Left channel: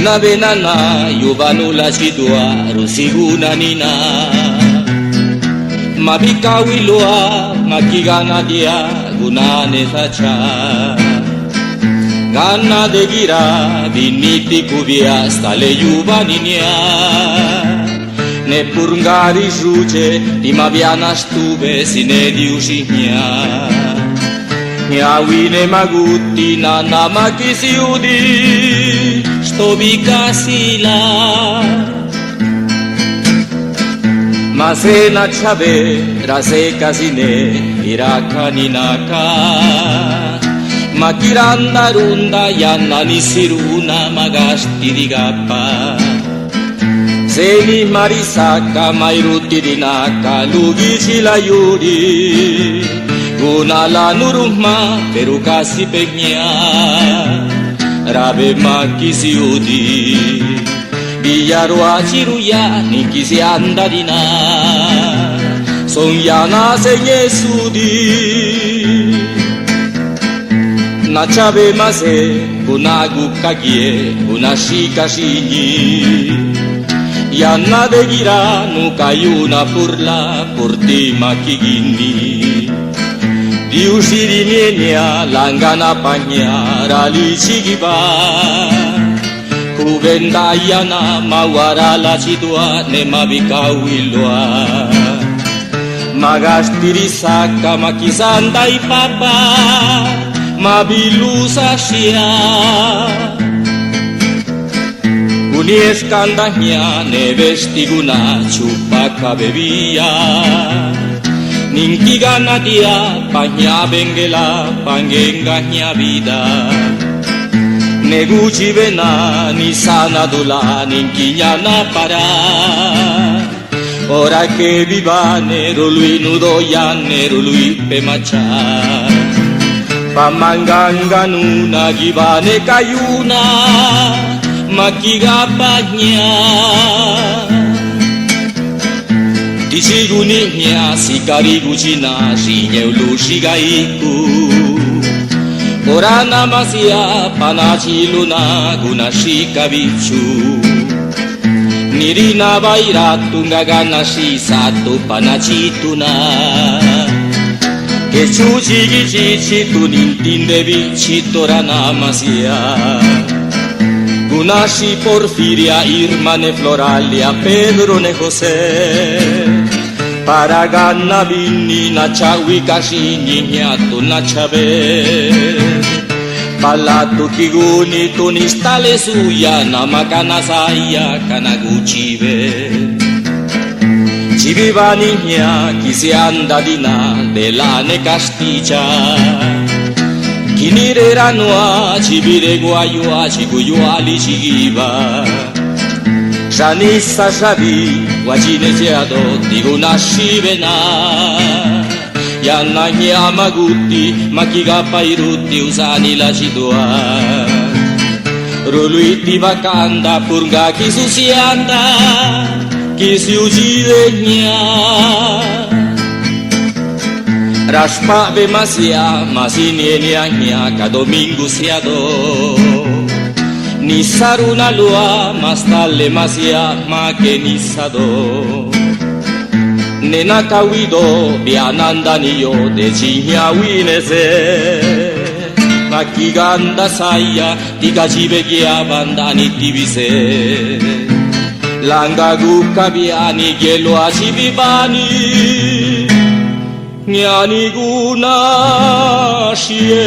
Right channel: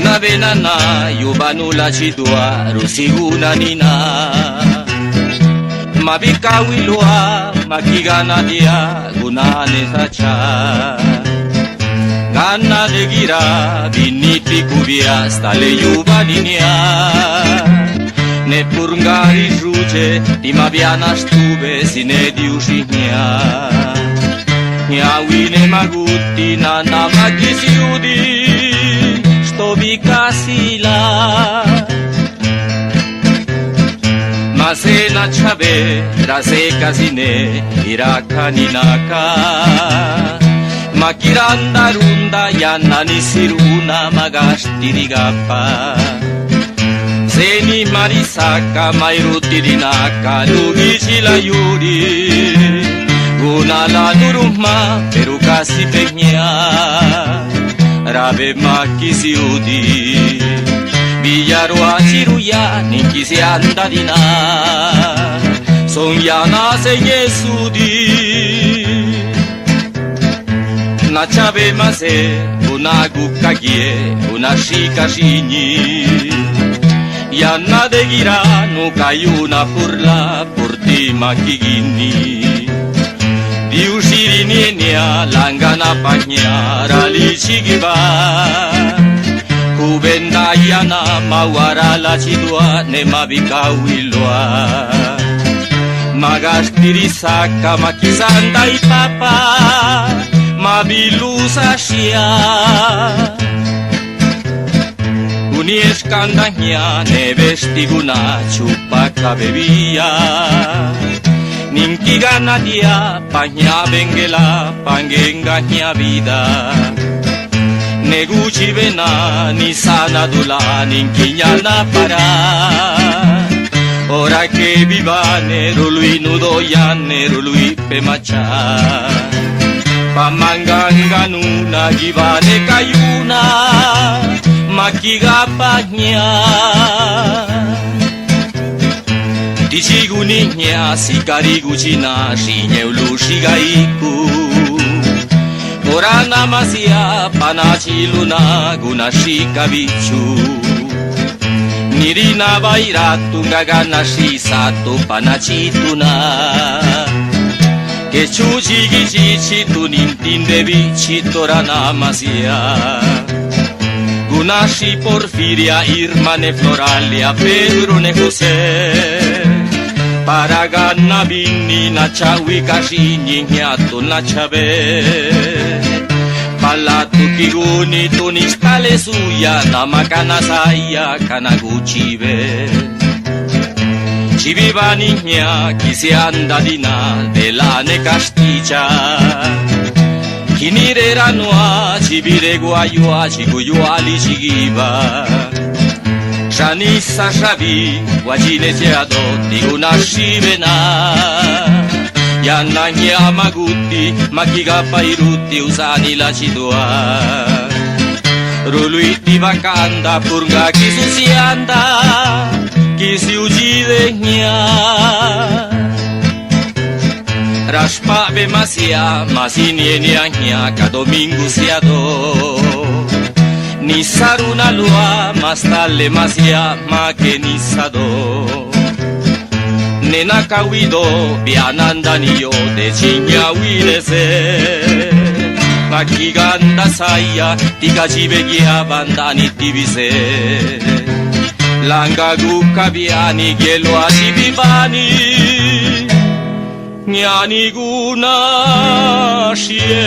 Una benana yubanula chidua rusiguna nina Mabikawilua makigana dia gunane sacha Gana de gira biniti kubia stale yubaninia Ne purngari žuče ima biana stube sine diušinja Njavine maguti na nama kisiudi što bi kasila Ma se na čave raze kazine iraka ninaka Ma kiranda runda yana nisiruna magastidigapa Seni marisaka mairutirinaka lugichila yuri Gunala nurumma perukasi pegnya Rabe makisiudi Villarua ciruya nikisi andadina Sonyana senyesudi Nachabe mase unagu kagie unashika shinyi Yana de gira no kayuna purla purti makigini Diusiri nienya langana panya rali chigiba Kubenda yana mawara la chidua ne mabikawilwa Magastiri saka makizanda ipapa mabilusa shia Unieskandahnya ne vestiguna chupaka bebia Ninkigana dia panya bengela pangengahnya vida Neguchi vena ni sana dula ninkinyana para Ora che vivane rului nudo yanne rului pemacha Pamangangganuna givane kayuna makigapanya Disiguninya sikariguchina shinyeulushigaiku Orana masia panachiluna gunashikabichu Nirina bairatunga ganashi sato panachituna Que chuchi gichichi tu nintinde bichi torana masia Gunashi Porfiria Irmane Floralia Pedro ne José Paragana binni na chawi kashinyi nyato na chabe Palatu kiguni tunistale suya na makana saya kanaguchibe Chiviva niña kisi andadina de la ne casticha Kinirera noa chivire guayua chiguyuali chigiva Shanisa shabi wajine seado diguna shivena Yana nyamaguti makiga pairuti usani la chidua Ruluiti vakanda purga kisusianda Kisi ujidenya Rashpa be masia masinienianya ka domingo siado Ni saruna lua mastale masia make nisado Nena kawido biananda niyo de chinya winese Makiganda saya tikajibe gia bandani divise Langa gukabiani gelo asibibani Nyani guna shie